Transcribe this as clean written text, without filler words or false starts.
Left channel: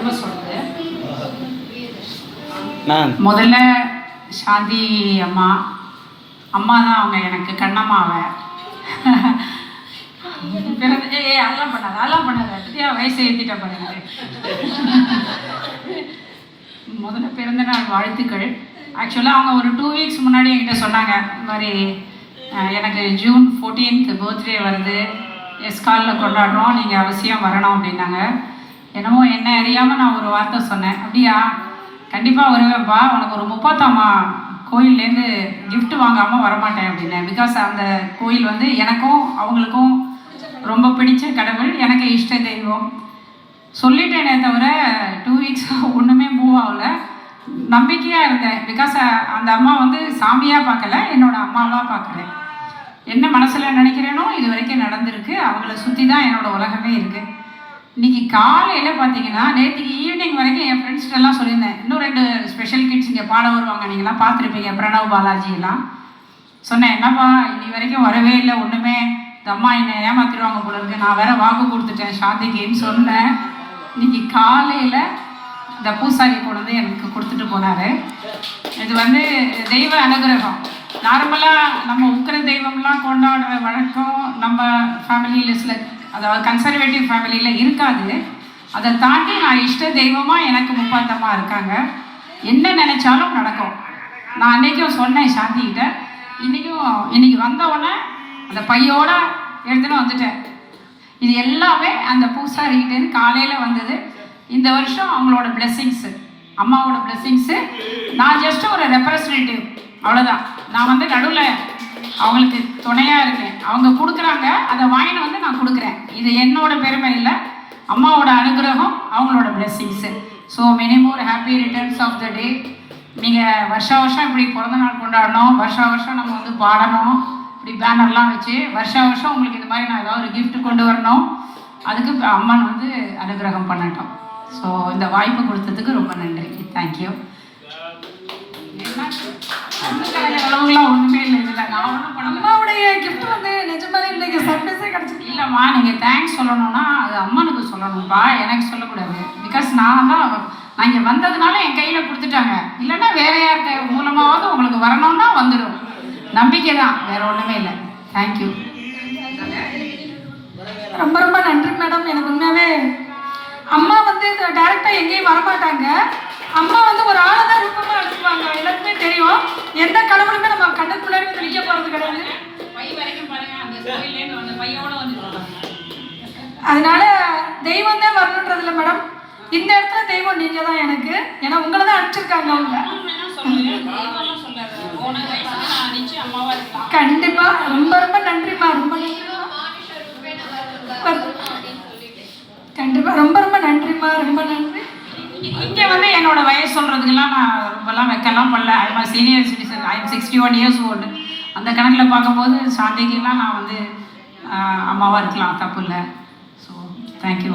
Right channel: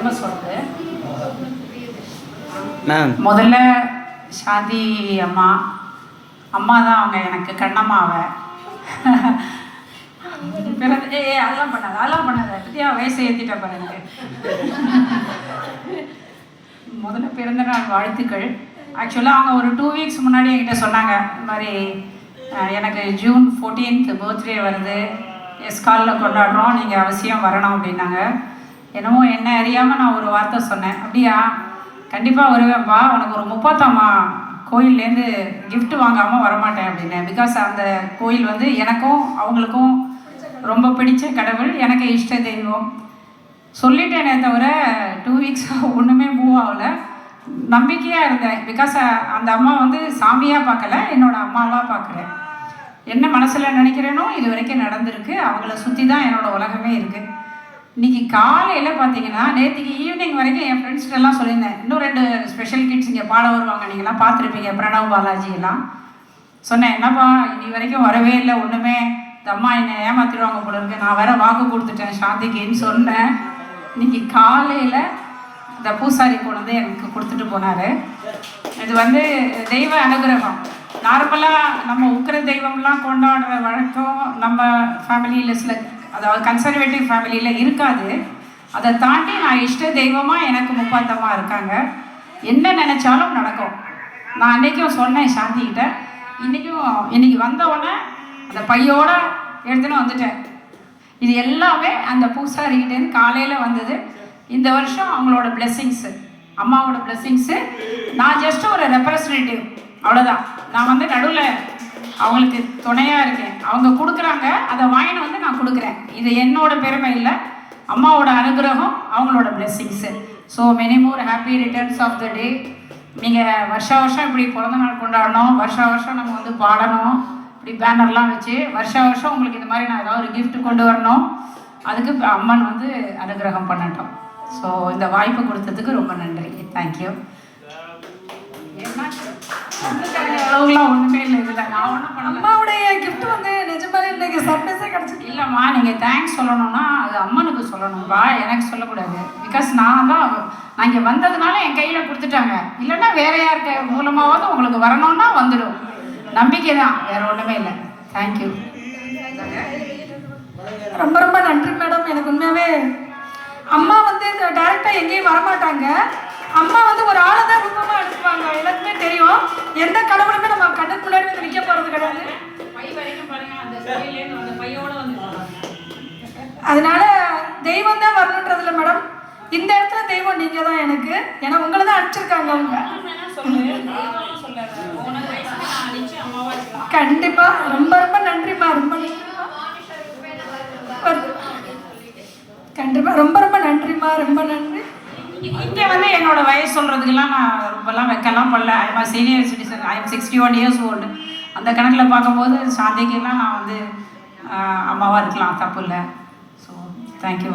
எம்எஸோடது. முதல்ல சாந்தி அம்மா தான் அவங்க எனக்கு கண்ணம்மாவை. அதெல்லாம் பண்ணாத பத்தியா வயசை ஏற்றிட்ட பண்ணுங்க. முதல்ல பிறந்த நாள் வாழ்த்துக்கள். ஆக்சுவலாக அவங்க ஒரு 2 வீக்ஸ் முன்னாடி என்கிட்ட சொன்னாங்க, இந்த மாதிரி எனக்கு ஜூன் 14th பர்த்டே வருது, எஸ்காலில் கொண்டாடுறோம், நீங்கள் அவசியம் வரணும் அப்படின்னாங்க. என்னமோ என்ன அறியாமல் நான் ஒரு வார்த்தை சொன்னேன், அப்படியா கண்டிப்பாக வருவேன்ப்பா, உனக்கு ஒரு 30ஆம் கோயிலேருந்து கிஃப்ட் வாங்காமல் வரமாட்டேன் அப்படின்னேன். பிகாஸ் அந்த கோயில் வந்து எனக்கும் அவங்களுக்கும் ரொம்ப பிடிச்ச கடவுள், எனக்கு இஷ்ட தெய்வம் சொல்லிட்டேனே தவிர 2 வீக்ஸ் ஒன்றுமே மூவ் ஆகல. நம்பிக்கையாக இருந்தேன். பிகாஸ் அந்த அம்மா வந்து சாமியாக பார்க்கல, என்னோடய அம்மாவாக பார்க்குறேன். என்ன மனசில் நினைக்கிறேனோ இது வரைக்கும் நடந்திருக்கு. அவங்கள சுற்றி தான் என்னோடய உலகமே இருக்குது. இன்றைக்கி காலையில் பார்த்தீங்கன்னா, நேற்றுக்கு ஈவினிங் வரைக்கும் என் ஃப்ரெண்ட்ஸ்கிட்டலாம் சொல்லியிருந்தேன், இன்னும் 2 ஸ்பெஷல் கிட்ஸ் இங்கே பாட வருவாங்க, நீங்கள்லாம் பார்த்துருப்பீங்க, பிரணவ் பாலாஜி எல்லாம். சொன்னேன், என்னப்பா இன்னி வரைக்கும் வரவே இல்லை, ஒன்றுமே இந்த அம்மா என்னை ஏமாற்றிடுவாங்க போல இருக்கு, நான் வேற வாக்கு கொடுத்துட்டேன் சாந்திக்குன்னு சொன்னேன். இன்னைக்கு காலையில் இந்த பூசாரி கொண்டு எனக்கு கொடுத்துட்டு போனார். இது வந்து தெய்வ அனுகிரகம். நார்மலாக நம்ம உக்கிர தெய்வம்லாம் கொண்டாடுற வழக்கம் நம்ம ஃபேமிலியில் சில, அதாவது கன்சர்வேட்டிவ் ஃபேமிலியில் இருக்காது. அதை தாண்டி நான் இஷ்ட தெய்வமாக எனக்கு முப்பாத்தமாக இருக்காங்க. என்ன நினச்சாலும் நடக்கும். நான் அன்றைக்கும் சொன்னேன் சாந்திக்கிட்ட, இன்னைக்கு வந்தவுடனே அந்த பையோடு எடுத்துன்னு வந்துட்டேன். இது எல்லாமே அந்த பூசாரிக்கிட்டேருந்து காலையில் வந்தது. இந்த வருஷம் அவங்களோட பிளெஸ்ஸிங்ஸு, அம்மாவோட பிளெஸ்ஸிங்ஸு. நான் ஜஸ்ட் ஒரு ரெப்ரசன்டேட்டிவ், அவ்வளோதான். நான் வந்து நடுவில் அவங்களுக்கு துணையாக இருக்கேன். அவங்க கொடுக்குறாங்க, அதை வாங்கிட்டு வந்து நான் கொடுக்குறேன். இது என்னோட பெருமை இல்லை, அம்மாவோட அனுகிரகம், அவங்களோட blessings. So many more happy returns of the day. நீங்கள் வருஷம் இப்படி பிறந்த நாள் கொண்டாடணும், வருஷம் நம்ம வந்து பாடணும், இப்படி பேனர்லாம் வச்சு வருஷம் உங்களுக்கு இது மாதிரி நான் ஏதாவது ஒரு கிஃப்ட் கொண்டு வரணும். அதுக்கு இப்போ அம்மன் வந்து அனுகிரகம் பண்ணட்டும். ஸோ இந்த வாய்ப்பு கொடுத்ததுக்கு ரொம்ப நன்றி. தேங்க்யூ. அளவுலாம் ஒன்றுமே இல்லை இதில். நான் ஒன்றும் அம்மாவுடைய கிஃப்ட் வந்து நிஜமாவே இல்லைங்க, சர்ப்ரைஸே கிடச்சிது. இல்லைம்மா, நீங்கள் தேங்க்ஸ் சொல்லணும்னா அது அம்மனுக்கு சொல்லணும்ப்பா, எனக்கு சொல்லக்கூடாது. பிகாஸ் நான் இங்கே வந்ததுனால என் கையில் கொடுத்துட்டாங்க. இல்லைன்னா வேற யாருக்கு மூலமாவது உங்களுக்கு வரணும்னா வந்துடும். நம்பிக்கை தான், வேற ஒன்றுமே இல்லை. தேங்க்யூ. ரொம்ப நன்றி மேடம். எனக்கு உண்மையாகவே அம்மா வந்து டைரெக்டாக எங்கேயும் வரமாட்டாங்க. அம்மா வந்து ஒரு ஆளை தான் ரூபமாக எடுத்துப்பாங்க. எல்லாருக்குமே தெரியும், எந்த கடவுளுமே நம்ம கண்ணுக்குள்ளே வந்து நிற்க போகிறது கிடையாது. அதனால தெய்வம் தான் வரணுன்றதில்ல மேடம், இந்த இடத்துல தெய்வம் நீங்கள் தான் எனக்கு. ஏன்னா உங்களை தான் அனுப்பிச்சிருக்காங்க அவங்க. கண்டிப்பா ரொம்ப நன்றிம்மா. கண்டிப்பா ரொம்ப நன்றிம்மா. ரொம்ப நன்றி. இங்கே வந்து என்னோட வயசு சொல்கிறதுக்கெல்லாம் நான் இப்போல்லாம் வைக்கலாம் பண்ணல. I'm senior citizen, I'm 61 years old. அந்த கணக்கில் பார்க்கும்போது சாந்திக்கெல்லாம் நான் வந்து அம்மாவாக இருக்கலாம், தப்பு இல்லை. So thank you.